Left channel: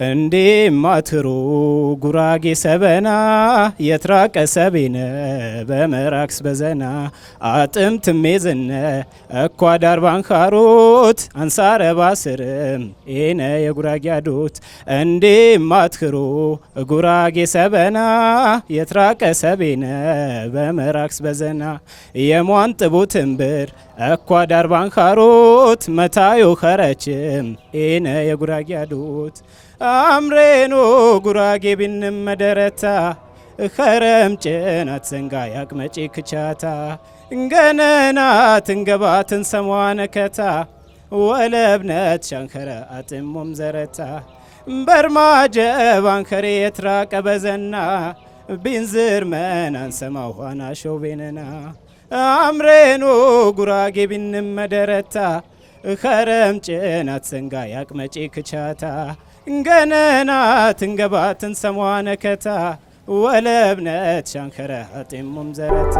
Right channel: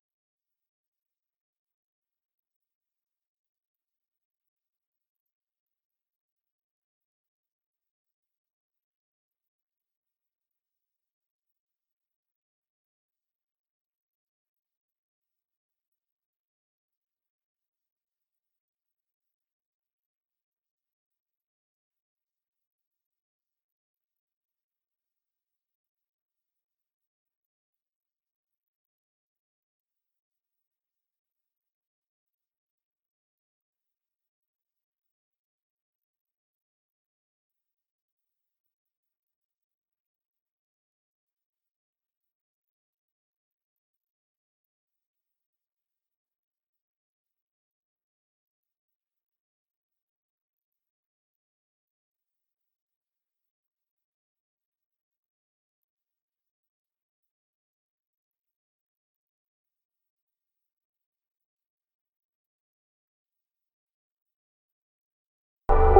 እንዴ ማትሩ ጉራጌ ሰበና የትራቀ ሰቤነ በመራክስ በዘና አጥምት ሜዝነ እኳ ዳርባን ካሮት አንሳረ ባስርም ኤነ የጉራጌ አዶት እንዴ ማትሩ ጉራጌ ሰበና የትራቀ ሰቤነ በመራክስ በዘና የሟን ጥቡትን ብር እኳ ዳርባን ካሮት መታዮ ከረችም ኤነ የጉራጌ አዶት አምሬኖ ጉራጌ ቢንም መደረታ ከረም ጭናት ዘንጋ ያቅመጪ ክቻታ እንገነናት እንገባትን ሰሟነከታ ወለብነት ሻንከረ አጥሞም ዘረታ በርማጀ ባንከሬ የትራቀ በዘና ቢንዝር መናን ሰማው ኋና ሾቤነና አምሬኖ ጉራጌ ቢንም መደረታ ከረም ጭናት ዘንጋ ያቅመጪ ክቻታ እንገነናት እንገባትን ሰሟነከታ ወለብነት ሻንከረ አጥሞም ዘረታ